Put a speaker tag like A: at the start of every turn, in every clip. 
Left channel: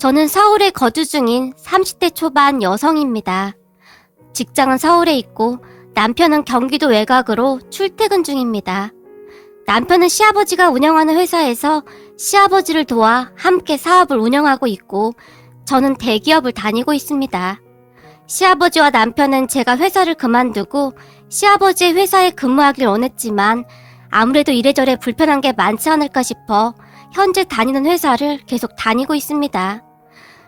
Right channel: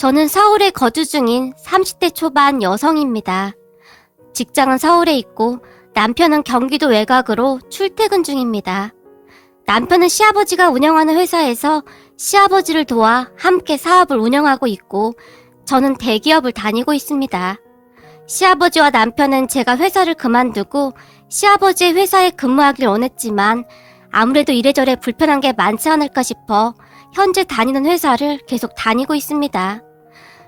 A: 저는 서울에 거주 중인 30대 초반 여성입니다. 직장은 서울에 있고 남편은 경기도 외곽으로 출퇴근 중입니다. 남편은 시아버지가 운영하는 회사에서 시아버지를 도와 함께 사업을 운영하고 있고 저는 대기업을 다니고 있습니다. 시아버지와 남편은 제가 회사를 그만두고 시아버지의 회사에 근무하길 원했지만 아무래도 이래저래 불편한 게 많지 않을까 싶어 현재 다니는 회사를 계속 다니고 있습니다.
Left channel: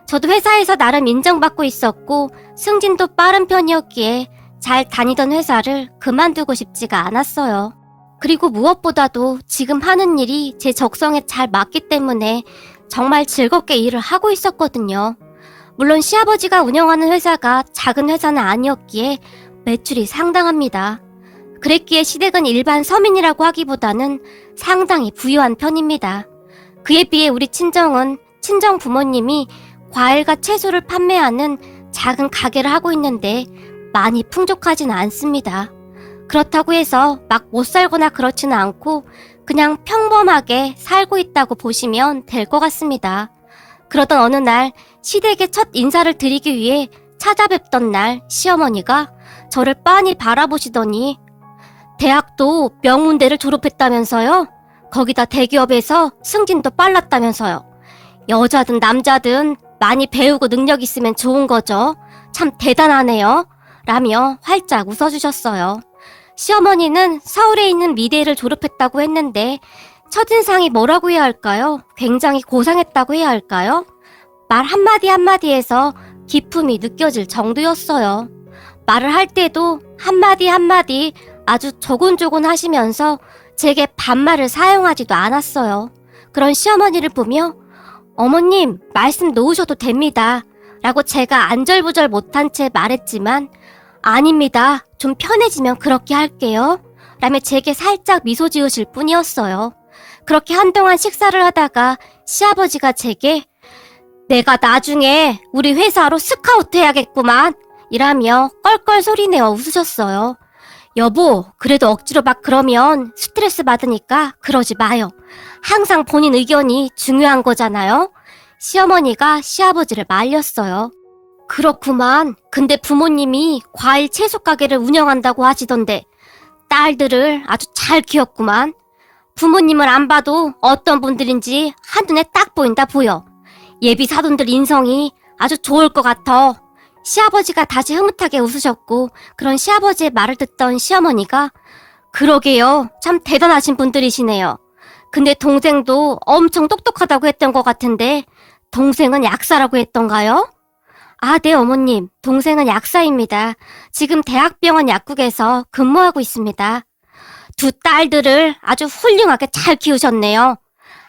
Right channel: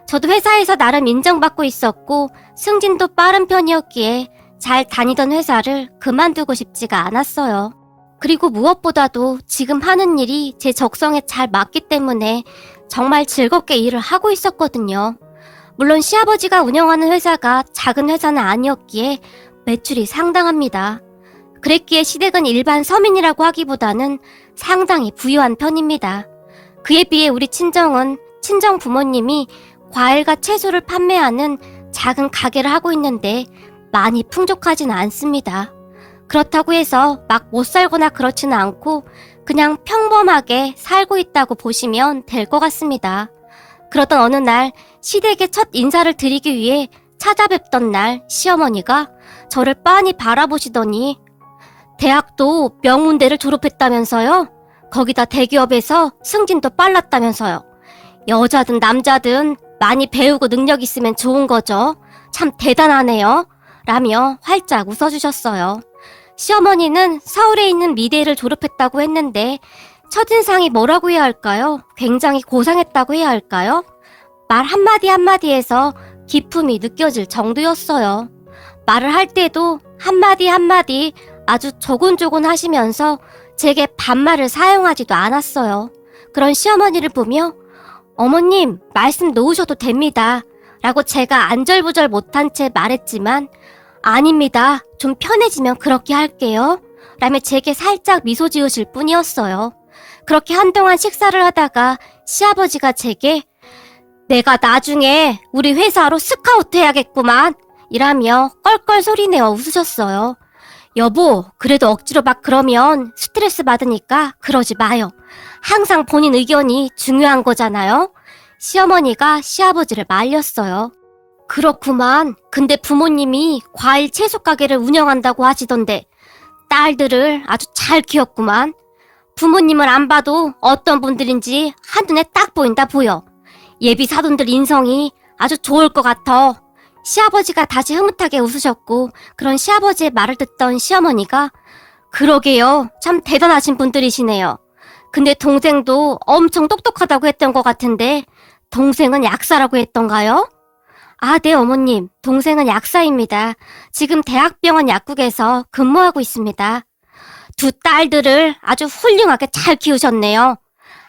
A: 저도 회사에서 나름 인정받고 있었고 승진도 빠른 편이었기에 잘 다니던 회사를 그만두고 싶지가 않았어요. 그리고 무엇보다도 지금 하는 일이 제 적성에 잘 맞기 때문에 정말 즐겁게 일을 하고 있었거든요. 물론 시아버지가 운영하는 회사가 작은 회사는 아니었기에 매출이 상당합니다. 그랬기에 시댁은 일반 서민이라고 하기보다는 상당히 부유한 편입니다. 그에 비해 우리 친정은 친정 부모님이 과일과 채소를 판매하는 작은 가게를 하고 있는데 많이 풍족하지는 않습니다. 그렇다고 해서 막 못 살거나 그렇지는 않고 그냥 평범하게 살고 있다고 보시면 될 것 같습니다. 그러던 어느 날 시댁에 첫 인사를 드리기 위해 찾아뵙던 날 시어머니가 저를 빤히 바라보시더니 대학도 명문대를 졸업했다면서요? 거기다 대기업에서 승진도 빨랐다면서요. 여자든 남자든 많이 배우고 능력 있으면 좋은 거죠. 참 대단하네요. 라며 활짝 웃어주셨어요. 시어머니는 서울에 있는 미대를 졸업했다고 했는데 첫인상이 뭐라고 해야 할까요? 굉장히 고상했다고 해야 할까요? 말 한마디 한마디에서 기품이 느껴질 정도였어요. 말을 할 때도 한마디 한마디 아주 조곤조곤 하시면서 제게 반말을 사용하지도 않았어요. 그런 시어머니를 보며 어머님 말씀 놓으셔도 됩니다. 라고 제가 안절부절 못한 채 말했지만 아닙니다. 좀 편해지면 그렇게 할게요. 라며 제게 살짝 미소 지으실 뿐이었어요. 그렇게 한동안 식사를 하다가 시아버지가 제게 내가 나중에 우리 회사로 스카우트 해야겠구만 이라며 껄껄 소리내어 웃으셨어요. 여보, 그래도 억지로 막 그러면 스트레스 받으니까 그러지 마요. 항상 본인 의견이 중요한 거잖아요. 시어머니가 시아버지를 말렸어요. 그렇구만. 근데 부모님이 과일 채소 가게를 운영한다고 하시던데 딸들을 아주 잘 키웠구만. 부모님을 안 봐도 어떤 분들인지 한눈에 딱 보인다 보여. 예비 사돈들 인성이 아주 좋을 것 같아. 시아버지가 다시 흐뭇하게 웃으셨고 그런 시아버지의 말을 듣던 시어머니가 그러게요. 참 대단하신 분들이시네요. 근데 동생도 엄청 똑똑하다고 했던 것 같은데 동생은 약사라고 했던가요? 아, 네, 어머님. 동생은 약사입니다. 지금 대학병원 약국에서 근무하고 있습니다. 두 딸들을 아주 훌륭하게 잘 키우셨네요.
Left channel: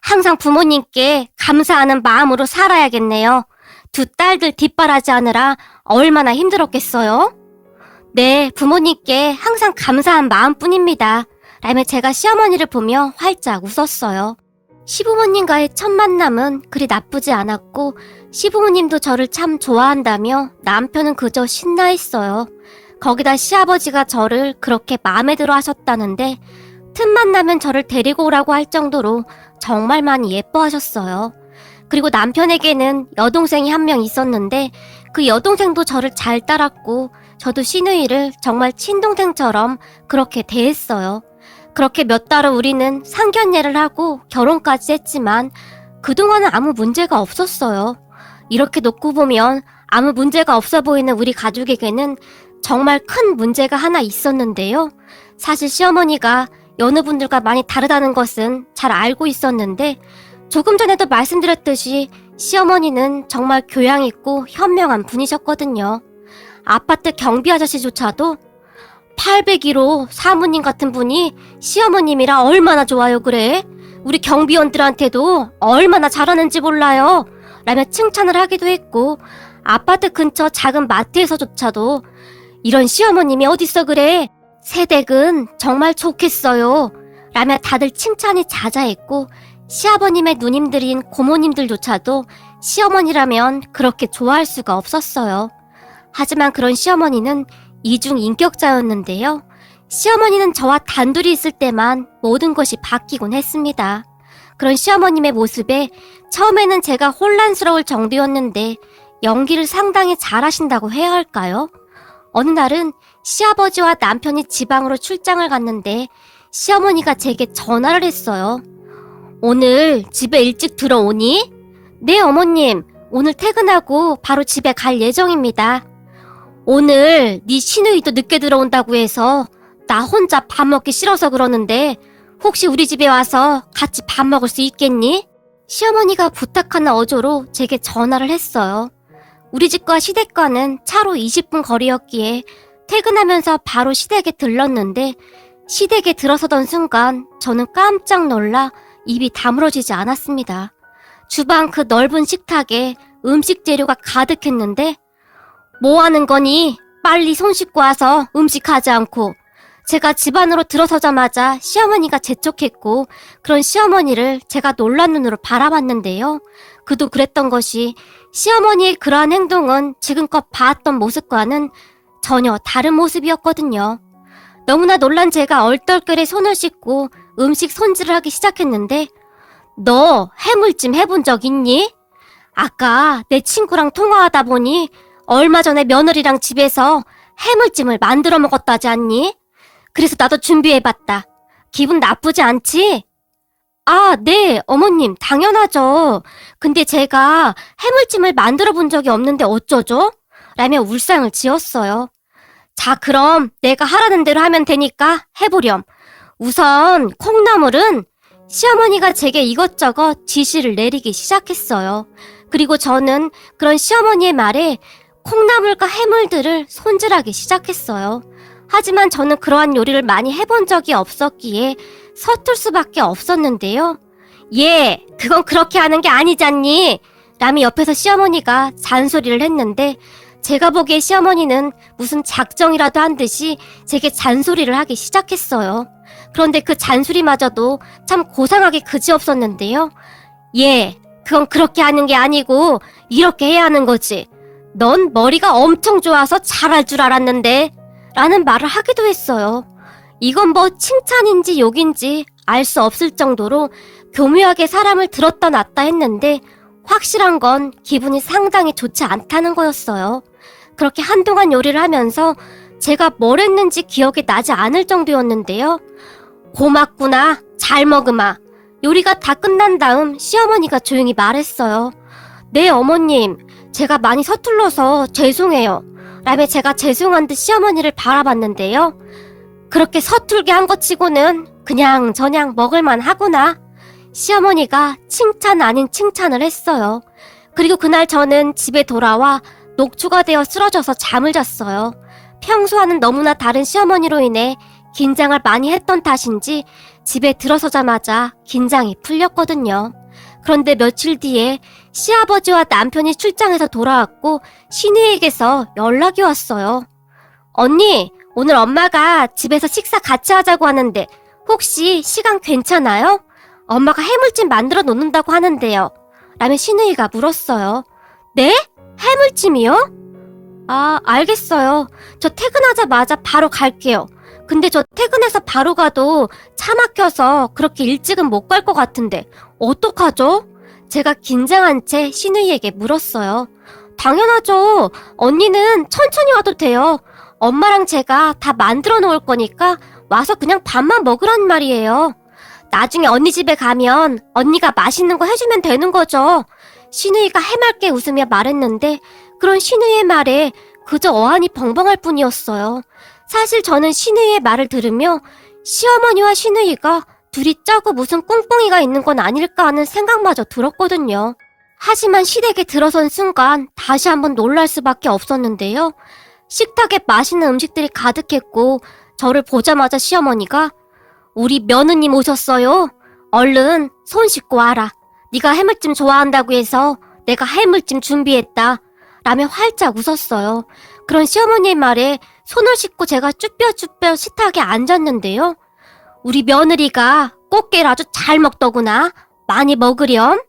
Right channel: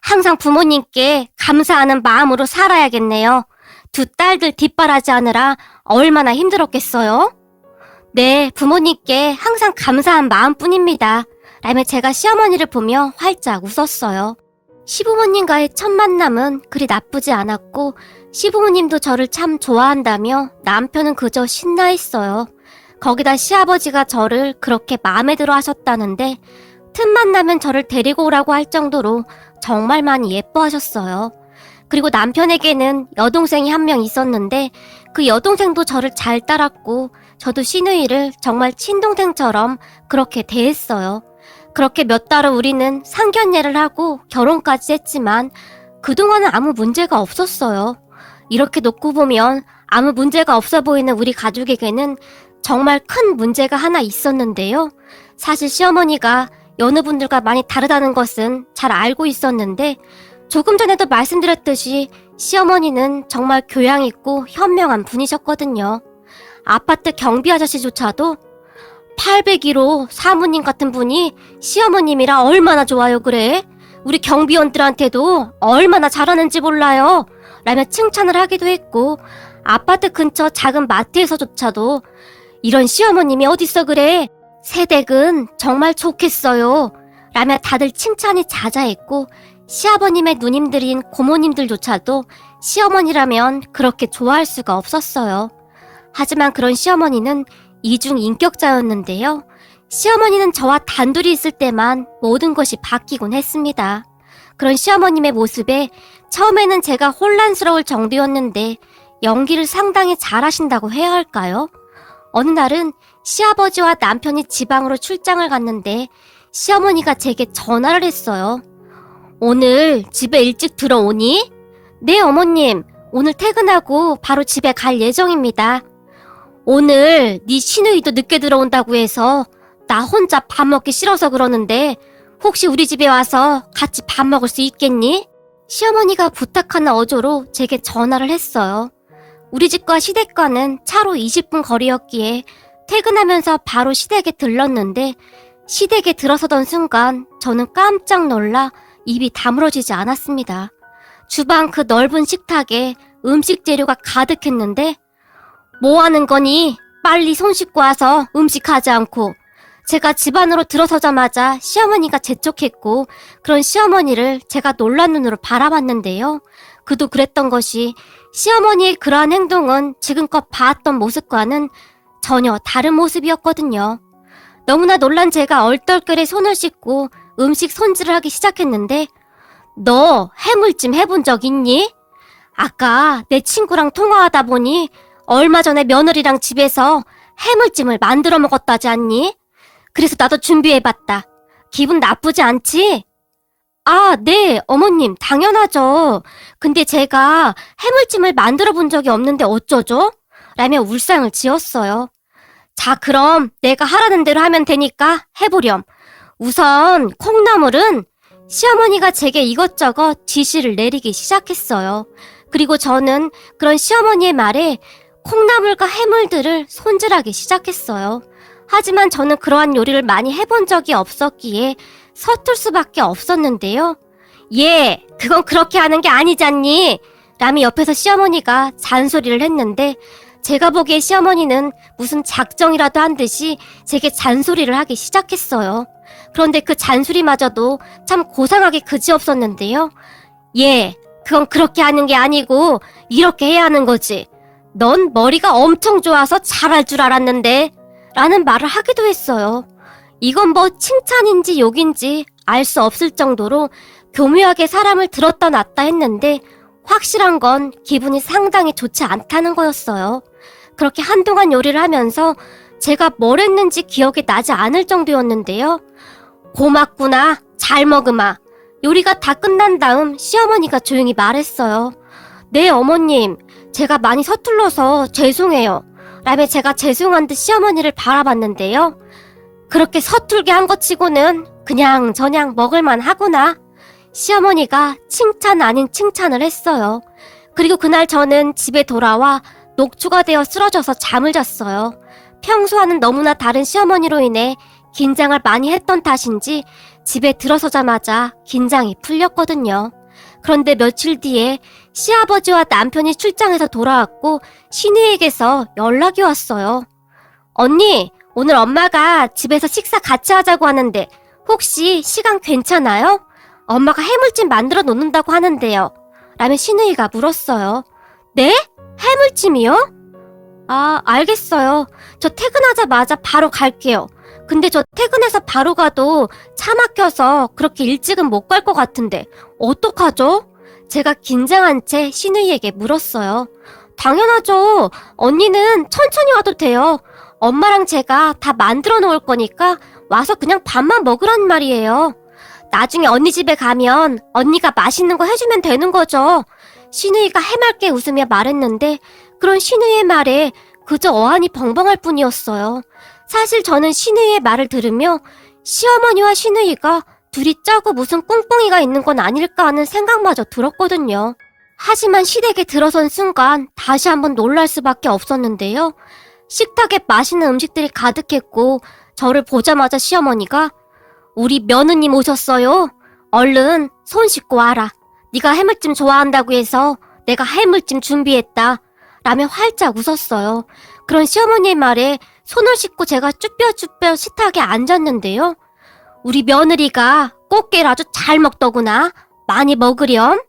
A: 항상 부모님께 감사하는 마음으로 살아야겠네요. 두 딸들 뒷바라지하느라 얼마나 힘들었겠어요? 네, 부모님께 항상 감사한 마음뿐입니다. 라며 제가 시어머니를 보며 활짝 웃었어요. 시부모님과의 첫 만남은 그리 나쁘지 않았고 시부모님도 저를 참 좋아한다며 남편은 그저 신나 했어요. 거기다 시아버지가 저를 그렇게 마음에 들어 하셨다는데 틈만 나면 저를 데리고 오라고 할 정도로 정말 많이 예뻐하셨어요. 그리고 남편에게는 여동생이 한 명 있었는데 그 여동생도 저를 잘 따랐고 저도 시누이를 정말 친동생처럼 그렇게 대했어요. 그렇게 몇 달을 우리는 상견례를 하고 결혼까지 했지만 그동안은 아무 문제가 없었어요. 이렇게 놓고 보면 아무 문제가 없어 보이는 우리 가족에게는 정말 큰 문제가 하나 있었는데요. 사실 시어머니가 여느 분들과 많이 다르다는 것은 잘 알고 있었는데 조금 전에도 말씀드렸듯이 시어머니는 정말 교양 있고 현명한 분이셨거든요. 아파트 경비 아저씨조차도 801호 사모님 같은 분이 시어머님이라 얼마나 좋아요 그래? 우리 경비원들한테도 얼마나 잘하는지 몰라요. 라며 칭찬을 하기도 했고 아파트 근처 작은 마트에서조차도 이런 시어머님이 어딨어 그래? 새댁은 정말 좋겠어요. 라며 다들 칭찬이 자자했고 시아버님의 누님들인 고모님들조차도 시어머니라면 그렇게 좋아할 수가 없었어요. 하지만 그런 시어머니는 이중 인격자였는데요. 시어머니는 저와 단둘이 있을 때만 모든 것이 바뀌곤 했습니다. 그런 시어머님의 모습에 처음에는 제가 혼란스러울 정도였는데 연기를 상당히 잘하신다고 해야 할까요? 어느 날은 시아버지와 남편이 지방으로 출장을 갔는데 시어머니가 제게 전화를 했어요. 오늘 집에 일찍 들어오니? 네, 어머님. 오늘 퇴근하고 바로 집에 갈 예정입니다. 오늘 네 시누이도 늦게 들어온다고 해서 나 혼자 밥 먹기 싫어서 그러는데 혹시 우리 집에 와서 같이 밥 먹을 수 있겠니? 시어머니가 부탁하는 어조로 제게 전화를 했어요. 우리 집과 시댁과는 차로 20분 거리였기에 퇴근하면서 바로 시댁에 들렀는데 시댁에 들어서던 순간 저는 깜짝 놀라 입이 다물어지지 않았습니다. 주방 그 넓은 식탁에 음식 재료가 가득했는데 뭐 하는 거니? 빨리 손 씻고 와서 음식하지 않고 제가 집 안으로 들어서자마자 시어머니가 재촉했고 그런 시어머니를 제가 놀란 눈으로 바라봤는데요. 그도 그랬던 것이 시어머니의 그러한 행동은 지금껏 봐왔던 모습과는 전혀 다른 모습이었거든요. 너무나 놀란 제가 얼떨결에 손을 씻고 음식 손질을 하기 시작했는데 너 해물찜 해본 적 있니? 아까 내 친구랑 통화하다 보니 얼마 전에 며느리랑 집에서 해물찜을 만들어 먹었다지 않니? 그래서 나도 준비해봤다. 기분 나쁘지 않지? 아, 네, 어머님, 당연하죠. 근데 제가 해물찜을 만들어 본 적이 없는데 어쩌죠? 라며 울상을 지었어요. 자, 그럼 내가 하라는 대로 하면 되니까 해보렴. 우선 콩나물은 시어머니가 제게 이것저것 지시를 내리기 시작했어요. 그리고 저는 그런 시어머니의 말에 콩나물과 해물들을 손질하기 시작했어요. 하지만 저는 그러한 요리를 많이 해본 적이 없었기에 서툴 수밖에 없었는데요. 예, 그건 그렇게 하는 게 아니잖니. 라며 옆에서 시어머니가 잔소리를 했는데 제가 보기에 시어머니는 무슨 작정이라도 한 듯이 제게 잔소리를 하기 시작했어요. 그런데 그 잔소리마저도 참 고상하게 그지없었는데요. 예, 그건 그렇게 하는 게 아니고 이렇게 해야 하는 거지. 넌 머리가 엄청 좋아서 잘할 줄 알았는데 라는 말을 하기도 했어요. 이건 뭐 칭찬인지 욕인지 알 수 없을 정도로 교묘하게 사람을 들었다 놨다 했는데 확실한 건 기분이 상당히 좋지 않다는 거였어요. 그렇게 한동안 요리를 하면서 제가 뭘 했는지 기억이 나지 않을 정도였는데요. 고맙구나. 잘 먹으마. 요리가 다 끝난 다음 시어머니가 조용히 말했어요. 네, 어머님. 제가 많이 서툴러서 죄송해요. 라며 제가 죄송한 듯 시어머니를 바라봤는데요. 그렇게 서툴게 한 것 치고는 그냥 저냥 먹을만 하구나. 시어머니가 칭찬 아닌 칭찬을 했어요. 그리고 그날 저는 집에 돌아와 녹초가 되어 쓰러져서 잠을 잤어요. 평소와는 너무나 다른 시어머니로 인해 긴장을 많이 했던 탓인지 집에 들어서자마자 긴장이 풀렸거든요. 그런데 며칠 뒤에 시아버지와 남편이 출장에서 돌아왔고 신우에게서 연락이 왔어요. 언니, 오늘 엄마가 집에서 식사 같이 하자고 하는데 혹시 시간 괜찮아요? 엄마가 해물찜 만들어 놓는다고 하는데요. 라며 신우이가 물었어요. 네? 해물찜이요? 아, 알겠어요. 저 퇴근하자마자 바로 갈게요. 근데 저 퇴근해서 바로 가도 차 막혀서 그렇게 일찍은 못 갈 것 같은데 어떡하죠? 제가 긴장한 채 신우이에게 물었어요. 당연하죠. 언니는 천천히 와도 돼요. 엄마랑 제가 다 만들어 놓을 거니까 와서 그냥 밥만 먹으란 말이에요. 나중에 언니 집에 가면 언니가 맛있는 거 해주면 되는 거죠. 신우이가 해맑게 웃으며 말했는데 그런 신우이의 말에 그저 어안이 벙벙할 뿐이었어요. 사실 저는 신우이의 말을 들으며 시어머니와 신우이가 둘이 짜고 무슨 꿍꿍이가 있는 건 아닐까 하는 생각마저 들었거든요. 하지만 시댁에 들어선 순간 다시 한번 놀랄 수밖에 없었는데요. 식탁에 맛있는 음식들이 가득했고 저를 보자마자 시어머니가 우리 며느님 오셨어요. 얼른 손 씻고 와라. 네가 해물찜 좋아한다고 해서 내가 해물찜 준비했다. 라며 활짝 웃었어요. 그런 시어머니의 말에 손을 씻고 제가 쭈뼛쭈뼛 식탁에 앉았는데요. 우리 며느리가 꽃게를 아주 잘 먹더구나. 많이 먹으렴.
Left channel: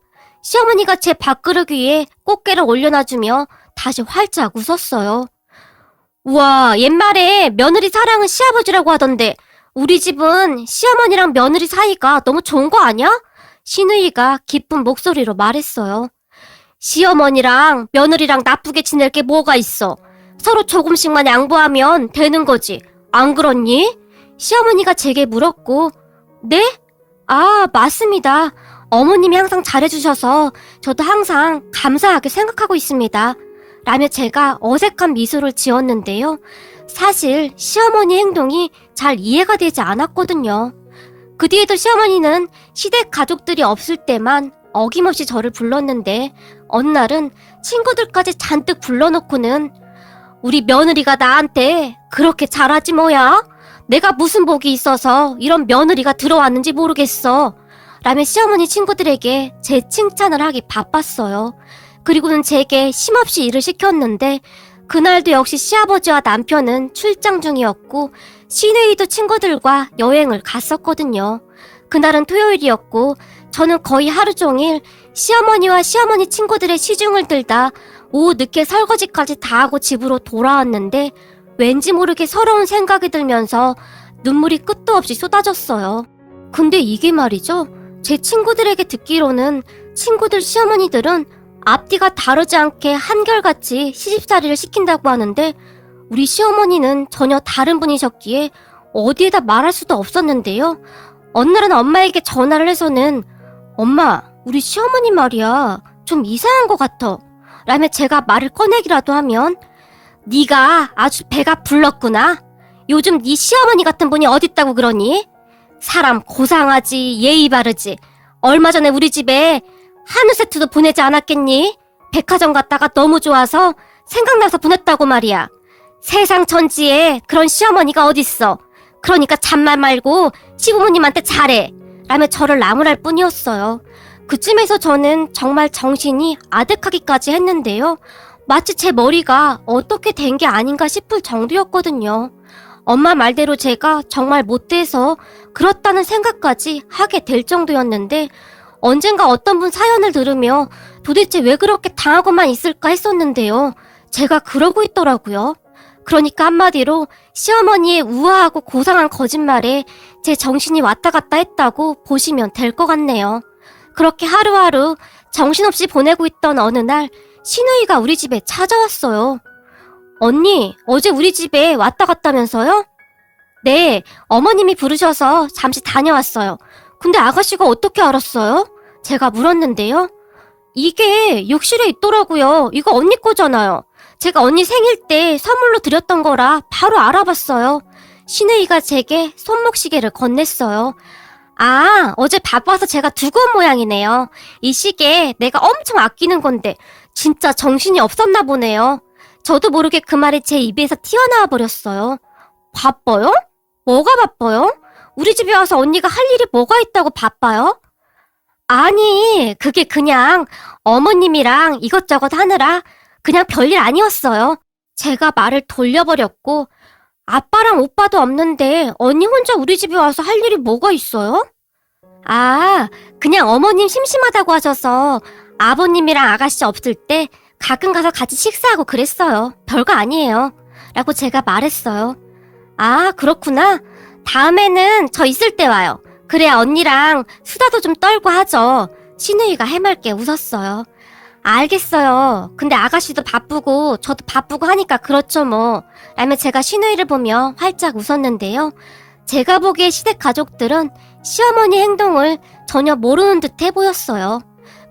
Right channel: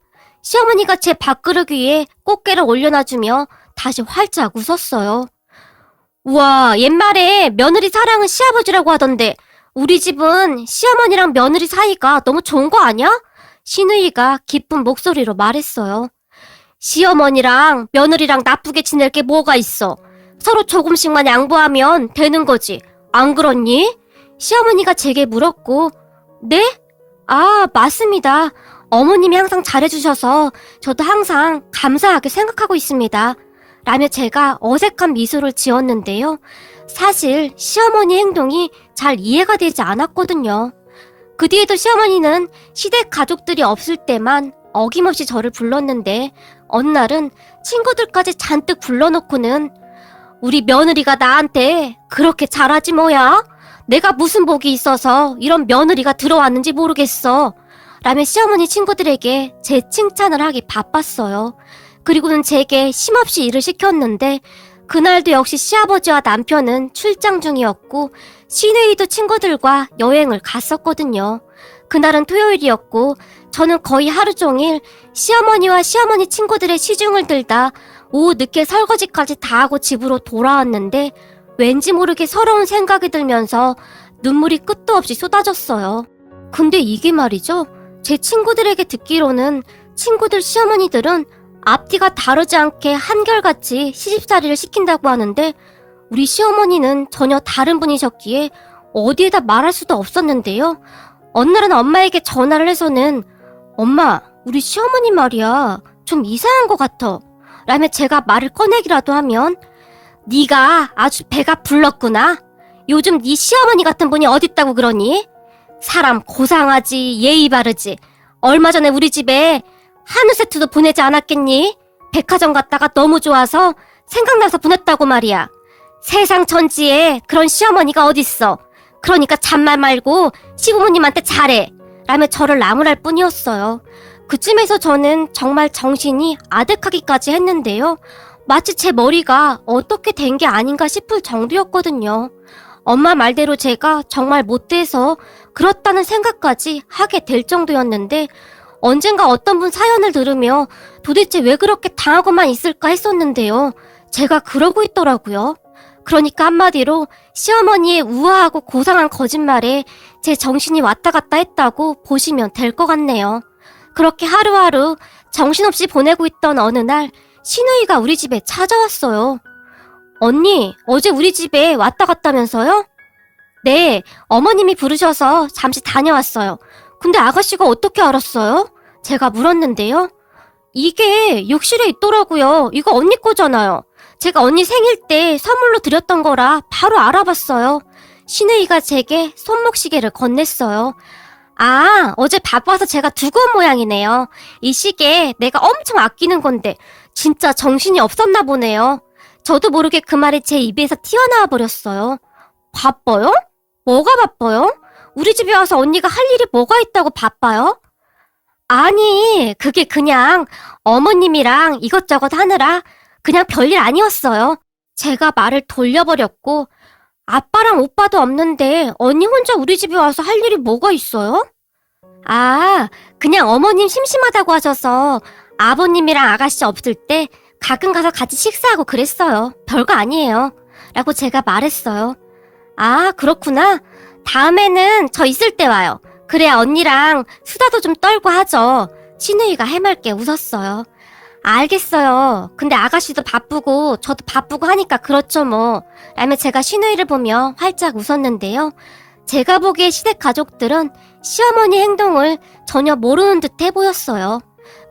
A: 시어머니가 제 밥그릇 위에 꽃게를 올려놔주며 다시 활짝 웃었어요. 우와, 옛말에 며느리 사랑은 시아버지라고 하던데 우리 집은 시어머니랑 며느리 사이가 너무 좋은 거 아니야? 신우이가 기쁜 목소리로 말했어요. 시어머니랑 며느리랑 나쁘게 지낼 게 뭐가 있어. 서로 조금씩만 양보하면 되는 거지. 안 그렇니? 시어머니가 제게 물었고, 네? 아, 맞습니다. 어머님이 항상 잘해주셔서 저도 항상 감사하게 생각하고 있습니다. 라며 제가 어색한 미소를 지었는데요. 사실 시어머니 행동이 잘 이해가 되지 않았거든요. 그 뒤에도 시어머니는 시댁 가족들이 없을 때만 어김없이 저를 불렀는데 어느 날은 친구들까지 잔뜩 불러놓고는 우리 며느리가 나한테 그렇게 잘하지 뭐야? 내가 무슨 복이 있어서 이런 며느리가 들어왔는지 모르겠어. 라며 시어머니 친구들에게 제 칭찬을 하기 바빴어요. 그리고는 제게 심없이 일을 시켰는데 그날도 역시 시아버지와 남편은 출장 중이었고 시내이도 친구들과 여행을 갔었거든요. 그날은 토요일이었고 저는 거의 하루 종일 시어머니와 시어머니 친구들의 시중을 들다 오후 늦게 설거지까지 다 하고 집으로 돌아왔는데 왠지 모르게 서러운 생각이 들면서 눈물이 끝도 없이 쏟아졌어요. 근데 이게 말이죠. 제 친구들에게 듣기로는 친구들 시어머니들은 앞뒤가 다르지 않게 한결같이 시집살이를 시킨다고 하는데 우리 시어머니는 전혀 다른 분이셨기에 어디에다 말할 수도 없었는데요. 어느 날은 엄마에게 전화를 해서는 엄마, 우리 시어머니 말이야. 좀 이상한 것 같아. 라며 제가 말을 꺼내기라도 하면 네가 아주 배가 불렀구나. 요즘 네 시어머니 같은 분이 어딨다고 그러니? 사람 고상하지 예의 바르지. 얼마 전에 우리 집에 한우 세트도 보내지 않았겠니? 백화점 갔다가 너무 좋아서 생각나서 보냈다고 말이야. 세상 천지에 그런 시어머니가 어딨어. 그러니까 잔말 말고 시부모님한테 잘해. 라며 저를 나무랄 뿐이었어요. 그쯤에서 저는 정말 정신이 아득하기까지 했는데요. 마치 제 머리가 어떻게 된 게 아닌가 싶을 정도였거든요. 엄마 말대로 제가 정말 못돼서 그렇다는 생각까지 하게 될 정도였는데 언젠가 어떤 분 사연을 들으며 도대체 왜 그렇게 당하고만 있을까 했었는데요. 제가 그러고 있더라고요. 그러니까 한마디로 시어머니의 우아하고 고상한 거짓말에 제 정신이 왔다 갔다 했다고 보시면 될 것 같네요. 그렇게 하루하루 정신없이 보내고 있던 어느 날 신우이가 우리 집에 찾아왔어요. 언니, 어제 우리 집에 왔다 갔다면서요? 네, 어머님이 부르셔서 잠시 다녀왔어요. 근데 아가씨가 어떻게 알았어요? 제가 물었는데요. 이게 욕실에 있더라고요. 이거 언니 거잖아요. 제가 언니 생일 때 선물로 드렸던 거라 바로 알아봤어요. 신우이가 제게 손목시계를 건넸어요. 아, 어제 바빠서 제가 두고 온 모양이네요. 이 시계 내가 엄청 아끼는 건데 진짜 정신이 없었나 보네요. 저도 모르게 그 말이 제 입에서 튀어나와 버렸어요. 바빠요? 뭐가 바빠요? 우리 집에 와서 언니가 할 일이 뭐가 있다고 바빠요? 아니, 그게 그냥 어머님이랑 이것저것 하느라 그냥 별일 아니었어요. 제가 말을 돌려버렸고, 아빠랑 오빠도 없는데 언니 혼자 우리 집에 와서 할 일이 뭐가 있어요? 아, 그냥 어머님 심심하다고 하셔서 아버님이랑 아가씨 없을 때 가끔 가서 같이 식사하고 그랬어요. 별거 아니에요. 라고 제가 말했어요. 아, 그렇구나. 다음에는 저 있을 때 와요. 그래야 언니랑 수다도 좀 떨고 하죠. 신우이가 해맑게 웃었어요. 알겠어요. 근데 아가씨도 바쁘고 저도 바쁘고 하니까 그렇죠 뭐. 라며 제가 신우이를 보며 활짝 웃었는데요. 제가 보기에 시댁 가족들은 시어머니 행동을 전혀 모르는 듯해 보였어요.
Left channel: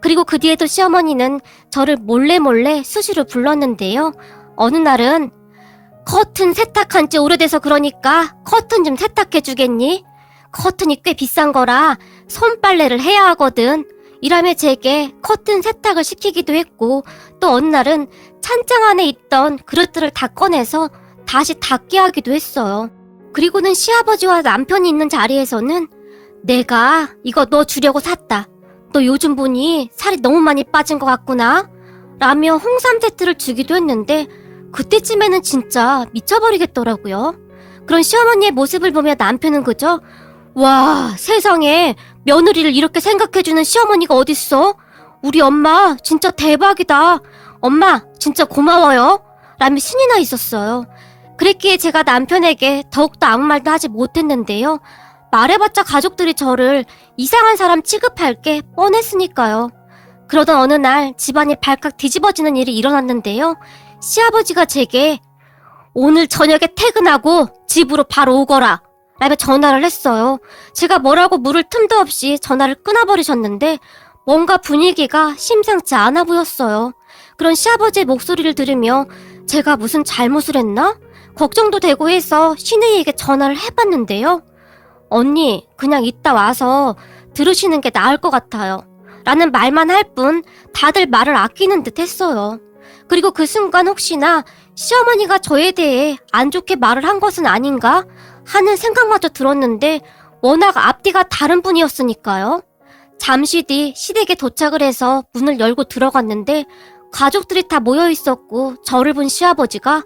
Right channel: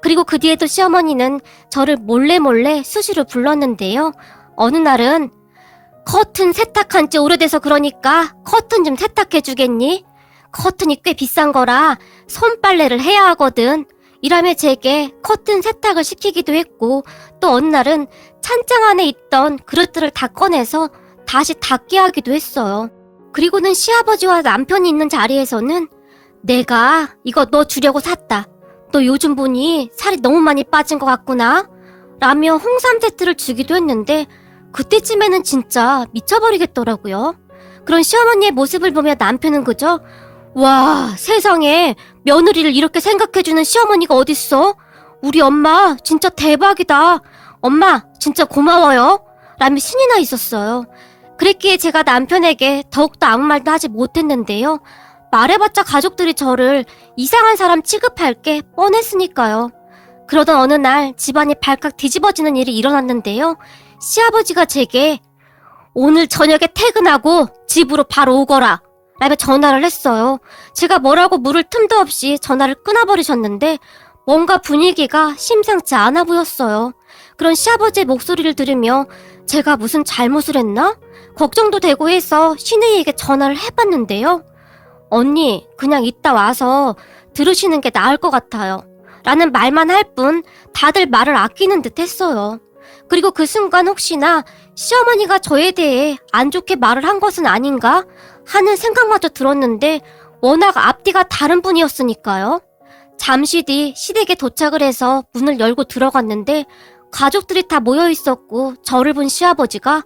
A: 그리고 그 뒤에도 시어머니는 저를 몰래 몰래 수시로 불렀는데요. 어느 날은 커튼 세탁한 지 오래돼서 그러니까 커튼 좀 세탁해 주겠니? 커튼이 꽤 비싼 거라 손빨래를 해야 하거든. 이라며 제게 커튼 세탁을 시키기도 했고 또 어느 날은 찬장 안에 있던 그릇들을 다 꺼내서 다시 닦게 하기도 했어요. 그리고는 시아버지와 남편이 있는 자리에서는 내가 이거 너 주려고 샀다. 너 요즘 보니 살이 너무 많이 빠진 것 같구나. 라며 홍삼 세트를 주기도 했는데 그때쯤에는 진짜 미쳐버리겠더라고요. 그런 시어머니의 모습을 보며 남편은 그저 와 세상에 며느리를 이렇게 생각해주는 시어머니가 어딨어? 우리 엄마 진짜 대박이다. 엄마 진짜 고마워요. 라며 신이 나 있었어요. 그랬기에 제가 남편에게 더욱더 아무 말도 하지 못했는데요. 말해봤자 가족들이 저를 이상한 사람 취급할 게 뻔했으니까요. 그러던 어느 날 집안이 발칵 뒤집어지는 일이 일어났는데요. 시아버지가 제게 오늘 저녁에 퇴근하고 집으로 바로 오거라. 라며 전화를 했어요. 제가 뭐라고 물을 틈도 없이 전화를 끊어버리셨는데 뭔가 분위기가 심상치 않아 보였어요. 그런 시아버지의 목소리를 들으며 제가 무슨 잘못을 했나? 걱정도 되고 해서 신우이에게 전화를 해봤는데요. 언니, 그냥 이따 와서 들으시는 게 나을 것 같아요. 라는 말만 할 뿐 다들 말을 아끼는 듯 했어요. 그리고 그 순간 혹시나 시어머니가 저에 대해 안 좋게 말을 한 것은 아닌가 하는 생각마저 들었는데 워낙 앞뒤가 다른 분이었으니까요. 잠시 뒤 시댁에 도착을 해서 문을 열고 들어갔는데 가족들이 다 모여 있었고 저를 본 시아버지가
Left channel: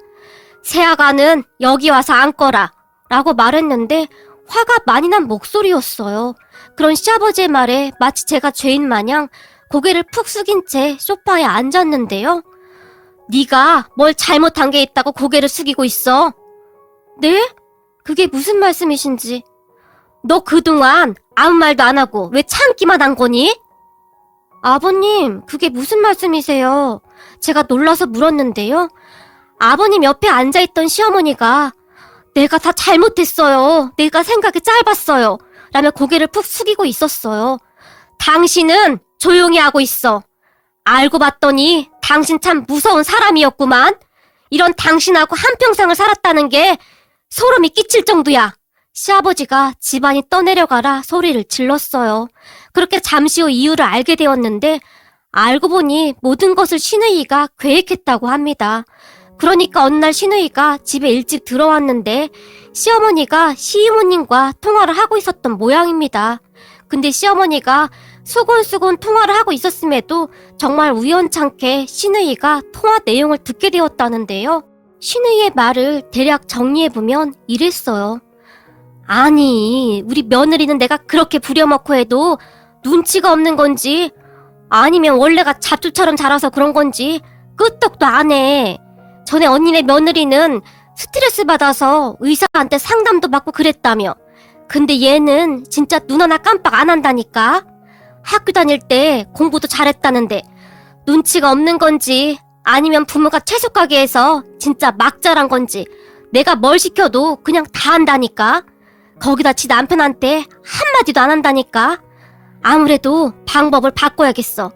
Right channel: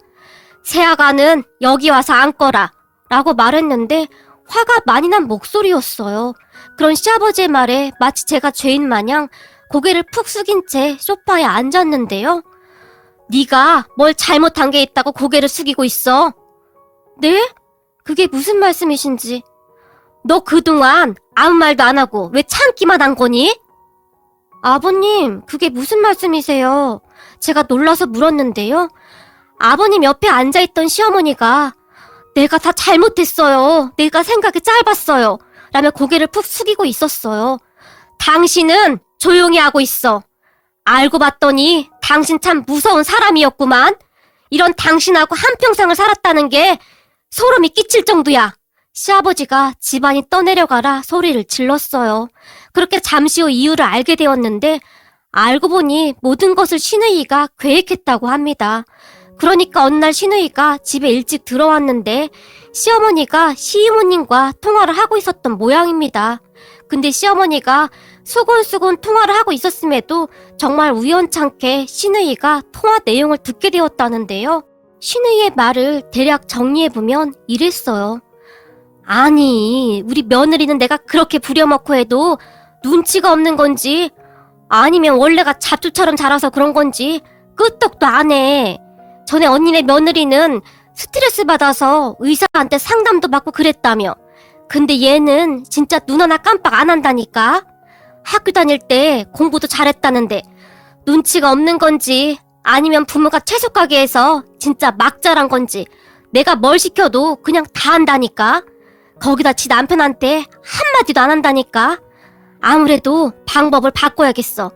A: 세아가는 여기 와서 앉거라 라고 말했는데 화가 많이 난 목소리였어요. 그런 시아버지의 말에 마치 제가 죄인 마냥 고개를 푹 숙인 채 소파에 앉았는데요. 네가 뭘 잘못한 게 있다고 고개를 숙이고 있어. 네? 그게 무슨 말씀이신지. 너 그동안 아무 말도 안 하고 왜 참기만 한 거니? 아버님, 그게 무슨 말씀이세요? 제가 놀라서 물었는데요. 아버님 옆에 앉아있던 시어머니가 내가 다 잘못했어요. 내가 생각이 짧았어요. 라며 고개를 푹 숙이고 있었어요. 당신은 조용히 하고 있어. 알고 봤더니 당신 참 무서운 사람이었구만. 이런 당신하고 한평생을 살았다는 게 소름이 끼칠 정도야. 시아버지가 집안이 떠내려가라 소리를 질렀어요. 그렇게 잠시 후 이유를 알게 되었는데 알고 보니 모든 것을 신우이가 계획했다고 합니다. 그러니까 어느 날 신우이가 집에 일찍 들어왔는데 시어머니가 시이모님과 통화를 하고 있었던 모양입니다. 근데 시어머니가 수곤수곤 통화를 하고 있었음에도 정말 우연찮게 신우이가 통화 내용을 듣게 되었다는데요. 신우이의 말을 대략 정리해보면 이랬어요. 아니, 우리 며느리는 내가 그렇게 부려먹고 해도 눈치가 없는 건지 아니면 원래가 자투처럼 자라서 그런 건지 끄떡도 안 해. 전에 언니네 며느리는 스트레스 받아서 의사한테 상담도 받고 그랬다며. 근데 얘는 진짜 눈 하나 깜빡 안 한다니까. 학교 다닐 때 공부도 잘했다는데 눈치가 없는 건지 아니면 부모가 채소 가게 해서 진짜 막 자란 건지 내가 뭘 시켜도 그냥 다 한다니까. 거기다 지 남편한테 한마디도 안 한다니까. 아무래도 방법을 바꿔야겠어.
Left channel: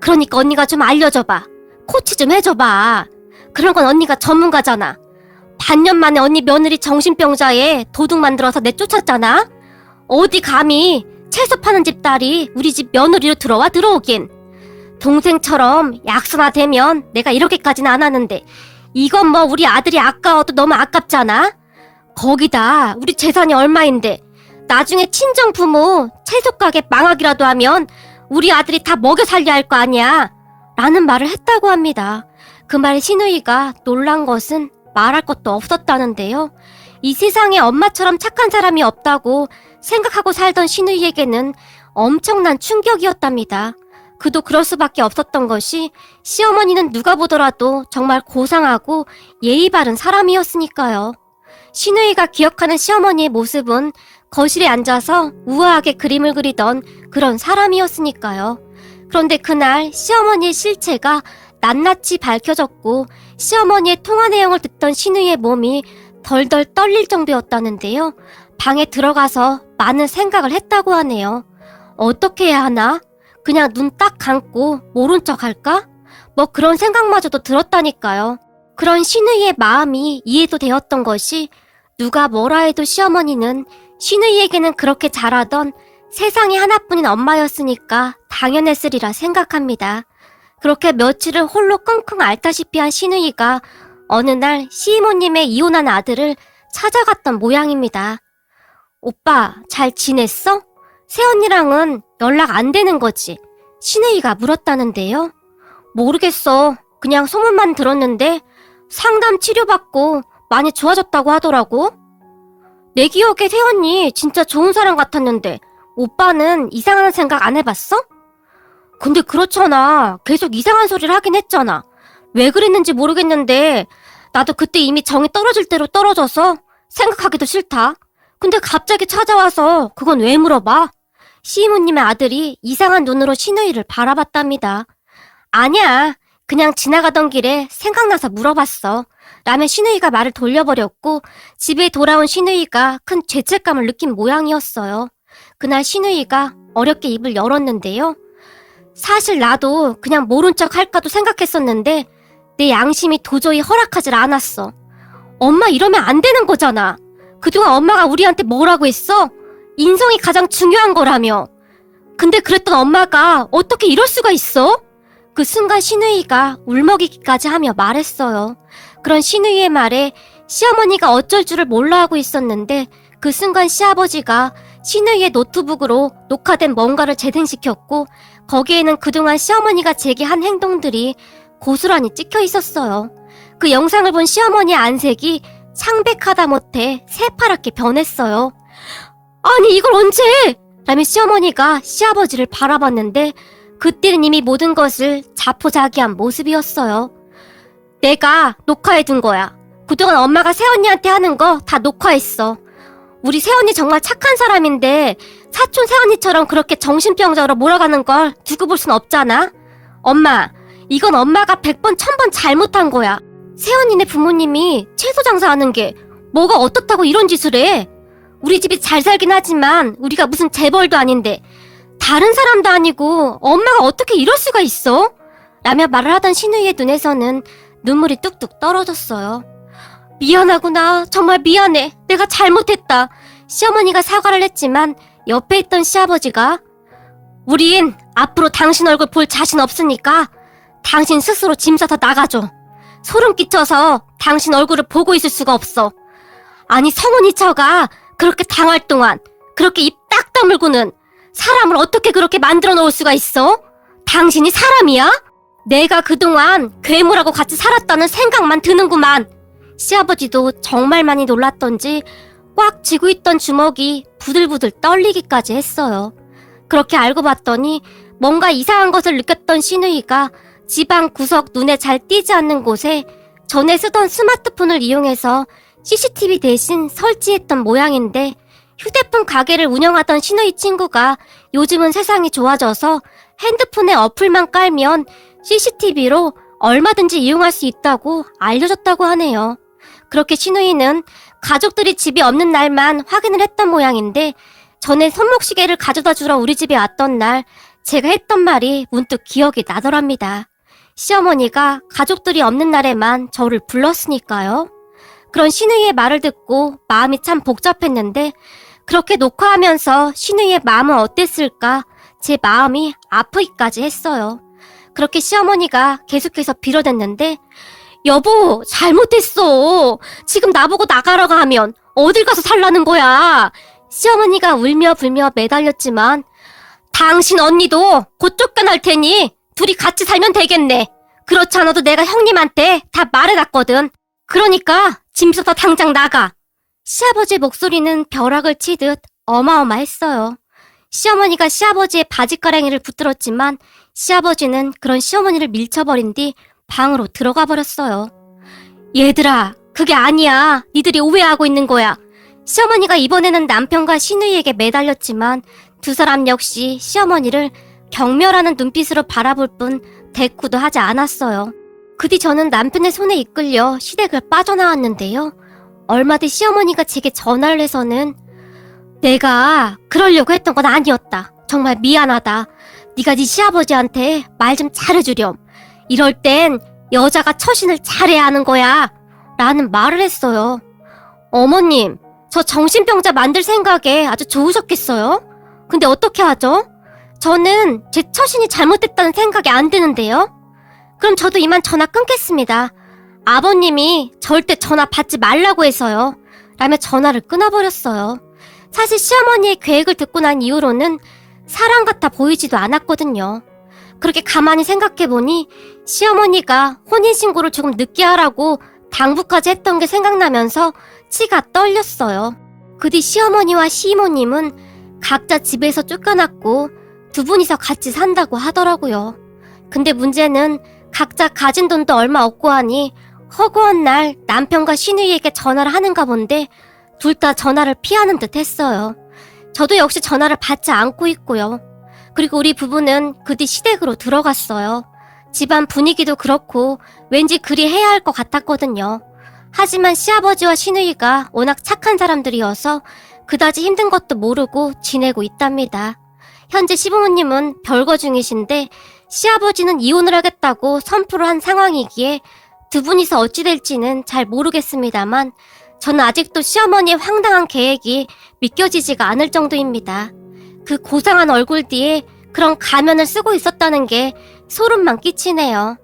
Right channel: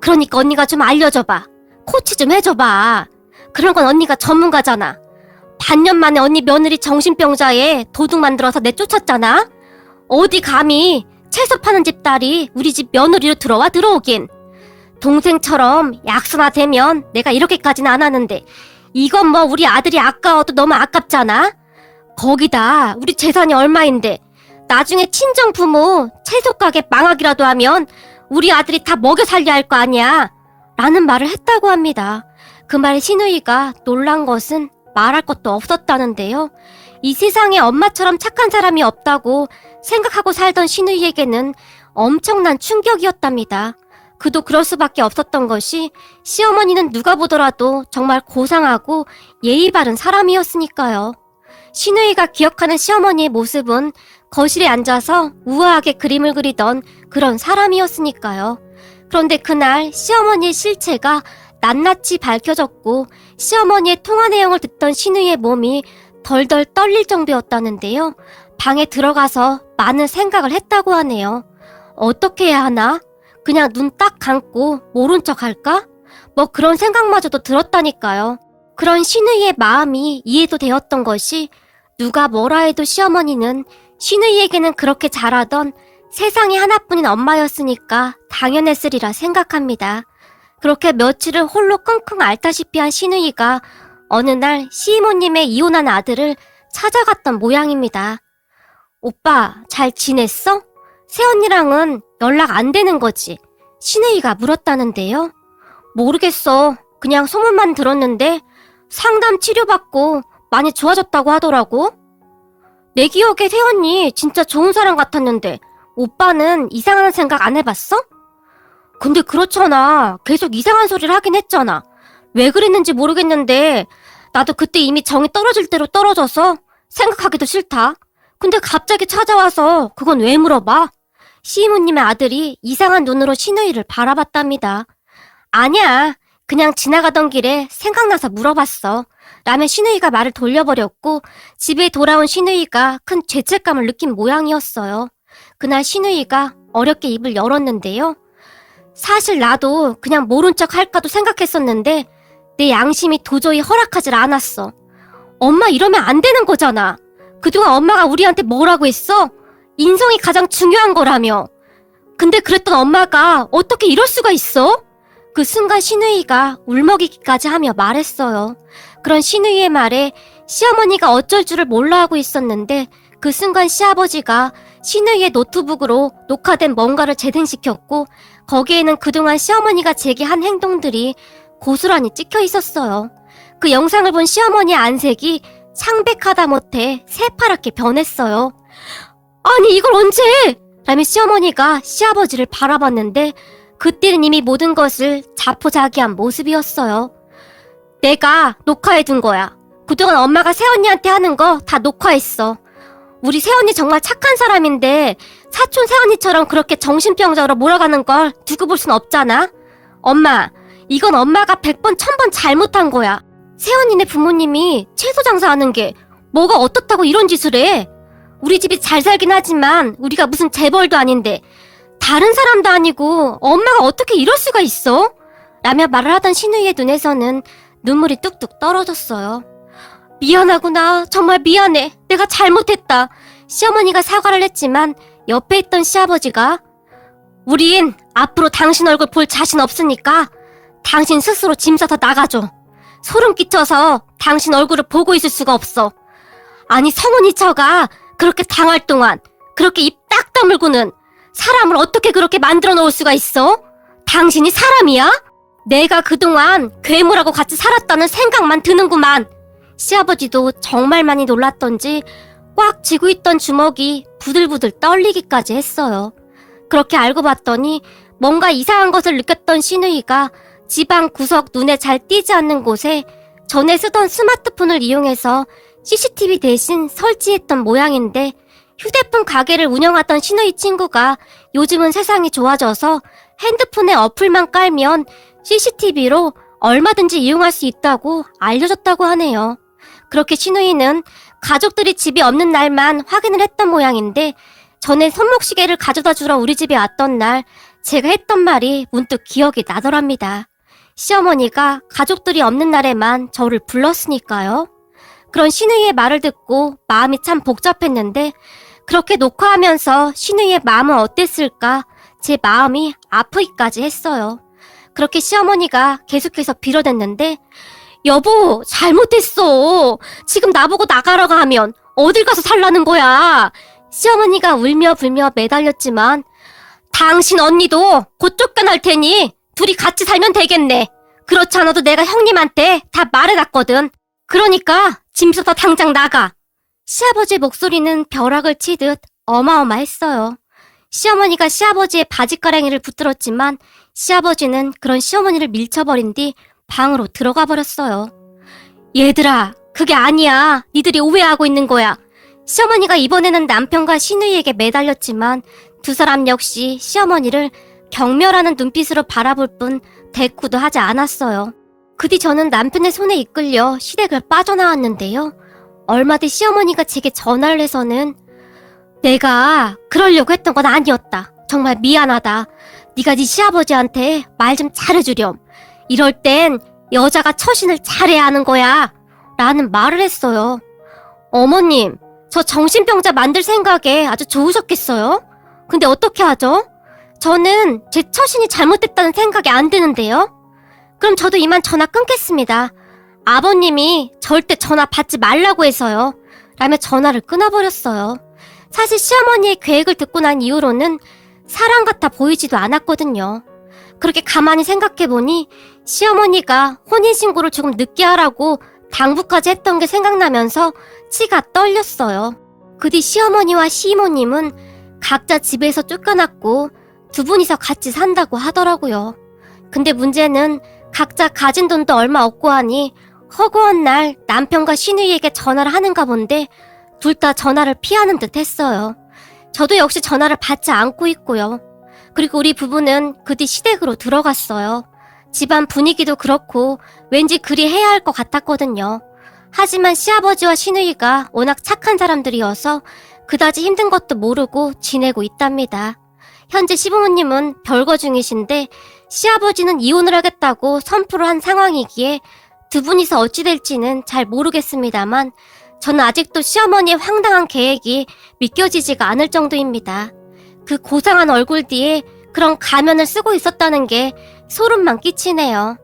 A: 그러니까 언니가 좀 알려줘봐. 코치 좀 해줘봐. 그런 건 언니가 전문가잖아. 반년 만에 언니 며느리 정신병자에 도둑 만들어서 내쫓았잖아? 어디 감히 채소 파는 집 딸이 우리 집 며느리로 들어와 들어오긴. 동생처럼 약수나 되면 내가 이렇게까지는 안 하는데 이건 뭐 우리 아들이 아까워도 너무 아깝잖아? 거기다 우리 재산이 얼마인데 나중에 친정 부모 채소 가게 망하기라도 하면 우리 아들이 다 먹여 살려야 할 거 아니야. 라는 말을 했다고 합니다. 그 말 신우이가 놀란 것은 말할 것도 없었다는데요. 이 세상에 엄마처럼 착한 사람이 없다고 생각하고 살던 신우이에게는 엄청난 충격이었답니다. 그도 그럴 수밖에 없었던 것이 시어머니는 누가 보더라도 정말 고상하고 예의 바른 사람이었으니까요. 신우이가 기억하는 시어머니의 모습은 거실에 앉아서 우아하게 그림을 그리던 그런 사람이었으니까요. 그런데 그날 시어머니의 실체가 낱낱이 밝혀졌고 시어머니의 통화 내용을 듣던 신우의 몸이 덜덜 떨릴 정도였다는데요. 방에 들어가서 많은 생각을 했다고 하네요. 어떻게 해야 하나? 그냥 눈 딱 감고 모른 척 할까? 뭐 그런 생각마저도 들었다니까요. 그런 신우의 마음이 이해도 되었던 것이 누가 뭐라 해도 시어머니는 신우이에게는 그렇게 잘하던 세상에 하나뿐인 엄마였으니까 당연했으리라 생각합니다. 그렇게 며칠을 홀로 끙끙 앓다시피 한 신우이가 어느 날 시이모님의 이혼한 아들을 찾아갔던 모양입니다. 오빠, 잘 지냈어? 새언니랑은 연락 안 되는 거지? 신우이가 물었다는데요. 모르겠어. 그냥 소문만 들었는데 상담 치료받고 많이 좋아졌다고 하더라고. 내 기억에 새언니 진짜 좋은 사람 같았는데 오빠는 이상한 생각 안 해봤어? 근데 그렇잖아. 계속 이상한 소리를 하긴 했잖아. 왜 그랬는지 모르겠는데 나도 그때 이미 정이 떨어질 대로 떨어져서 생각하기도 싫다. 근데 갑자기 찾아와서 그건 왜 물어봐? 시이모님의 아들이 이상한 눈으로 신우이를 바라봤답니다. 아니야. 그냥 지나가던 길에 생각나서 물어봤어. 라며 신우이가 말을 돌려버렸고 집에 돌아온 신우이가 큰 죄책감을 느낀 모양이었어요. 그날 신우이가 어렵게 입을 열었는데요. 사실 나도 그냥 모른 척 할까도 생각했었는데 내 양심이 도저히 허락하질 않았어. 엄마 이러면 안 되는 거잖아. 그동안 엄마가 우리한테 뭐라고 했어? 인성이 가장 중요한 거라며. 근데 그랬던 엄마가 어떻게 이럴 수가 있어? 그 순간 신우이가 울먹이기까지 하며 말했어요. 그런 신우이의 말에 시어머니가 어쩔 줄을 몰라 하고 있었는데 그 순간 시아버지가 신우이의 노트북으로 녹화된 뭔가를 재생시켰고 거기에는 그동안 시어머니가 제기한 행동들이 고스란히 찍혀 있었어요. 그 영상을 본 시어머니의 안색이 상백하다 못해 새파랗게 변했어요. 아니 이걸 언제? 라며 시어머니가 시아버지를 바라봤는데 그때는 이미 모든 것을 자포자기한 모습이었어요. 내가 녹화해둔 거야. 그동안 엄마가 새언니한테 하는 거 다 녹화했어. 우리 새언니 정말 착한 사람인데 사촌 새언니처럼 그렇게 정신병자로 몰아가는 걸 두고 볼 순 없잖아? 엄마, 이건 엄마가 백번천 번 잘못한 거야. 새언니네 부모님이 채소 장사하는 게 뭐가 어떻다고 이런 짓을 해? 우리 집이 잘 살긴 하지만 우리가 무슨 재벌도 아닌데 다른 사람도 아니고 엄마가 어떻게 이럴 수가 있어? 라며 말을 하던 신우이의 눈에서는 눈물이 뚝뚝 떨어졌어요. 미안하구나. 정말 미안해. 내가 잘못했다. 시어머니가 사과를 했지만 옆에 있던 시아버지가 우린 앞으로 당신 얼굴 볼 자신 없으니까 당신 스스로 짐 싸서 나가줘. 소름 끼쳐서 당신 얼굴을 보고 있을 수가 없어. 아니 성은이 처가 그렇게 당할 동안 그렇게 입 딱 다물고는 사람을 어떻게 그렇게 만들어 놓을 수가 있어? 당신이 사람이야? 내가 그동안 괴물하고 같이 살았다는 생각만 드는구만. 시아버지도 정말 많이 놀랐던지 꽉 쥐고 있던 주먹이 부들부들 떨리기까지 했어요. 그렇게 알고 봤더니 뭔가 이상한 것을 느꼈던 신우이가 집안 구석 눈에 잘 띄지 않는 곳에 전에 쓰던 스마트폰을 이용해서 CCTV 대신 설치했던 모양인데 휴대폰 가게를 운영하던 신우이 친구가 요즘은 세상이 좋아져서 핸드폰에 어플만 깔면 CCTV로 얼마든지 이용할 수 있다고 알려줬다고 하네요. 그렇게 신우이는 가족들이 집이 없는 날만 확인을 했던 모양인데 전에 손목시계를 가져다 주러 우리 집에 왔던 날 제가 했던 말이 문득 기억이 나더랍니다. 시어머니가 가족들이 없는 날에만 저를 불렀으니까요. 그런 신우이의 말을 듣고 마음이 참 복잡했는데 그렇게 녹화하면서 신우이의 마음은 어땠을까 제 마음이 아프기까지 했어요. 그렇게 시어머니가 계속해서 빌어댔는데 여보 잘못했어. 지금 나보고 나가라고 하면 어딜 가서 살라는 거야. 시어머니가 울며 불며 매달렸지만 당신 언니도 곧 쫓겨날 테니 둘이 같이 살면 되겠네. 그렇지 않아도 내가 형님한테 다 말해놨거든. 그러니까 짐서서 당장 나가. 시아버지의 목소리는 벼락을 치듯 어마어마했어요. 시어머니가 시아버지의 바지가랑이를 붙들었지만 시아버지는 그런 시어머니를 밀쳐버린 뒤 방으로 들어가 버렸어요. 얘들아, 그게 아니야. 니들이 오해하고 있는 거야. 시어머니가 이번에는 남편과 신우이에게 매달렸지만 두 사람 역시 시어머니를 경멸하는 눈빛으로 바라볼 뿐 대꾸도 하지 않았어요. 그뒤 저는 남편의 손에 이끌려 시댁을 빠져나왔는데요. 얼마 뒤 시어머니가 제게 전화를 해서는 내가 그러려고 했던 건 아니었다. 정말 미안하다. 네가 네 시아버지한테 말 좀 잘해주렴. 이럴 땐 여자가 처신을 잘해야 하는 거야. 라는 말을 했어요. 어머님, 저 정신병자 만들 생각에 아주 좋으셨겠어요? 근데 어떻게 하죠? 저는 제 처신이 잘못됐다는 생각이 안 드는데요? 그럼 저도 이만 전화 끊겠습니다. 아버님이 절대 전화 받지 말라고 해서요. 라며 전화를 끊어버렸어요. 사실 시어머니의 계획을 듣고 난 이후로는 사람 같아 보이지도 않았거든요. 그렇게 가만히 생각해보니 시어머니가 혼인신고를 조금 늦게 하라고 당부까지 했던 게 생각나면서 치가 떨렸어요. 그 뒤 시어머니와 시이모님은 각자 집에서 쫓겨났고 두 분이서 같이 산다고 하더라고요. 근데 문제는 각자 가진 돈도 얼마 없고 하니 허구한 날 남편과 신우이에게 전화를 하는가 본데 둘 다 전화를 피하는 듯 했어요. 저도 역시 전화를 받지 않고 있고요. 그리고 우리 부부는 그 뒤 시댁으로 들어갔어요. 집안 분위기도 그렇고 왠지 그리 해야 할 것 같았거든요. 하지만 시아버지와 시누이가 워낙 착한 사람들이어서 그다지 힘든 것도 모르고 지내고 있답니다. 현재 시부모님은 별거 중이신데 시아버지는 이혼을 하겠다고 선포를 한 상황이기에 두 분이서 어찌 될지는 잘 모르겠습니다만 저는 아직도 시어머니의 황당한 계획이 믿겨지지가 않을 정도입니다. 그 고상한 얼굴 뒤에 그런 가면을 쓰고 있었다는 게 소름만 끼치네요.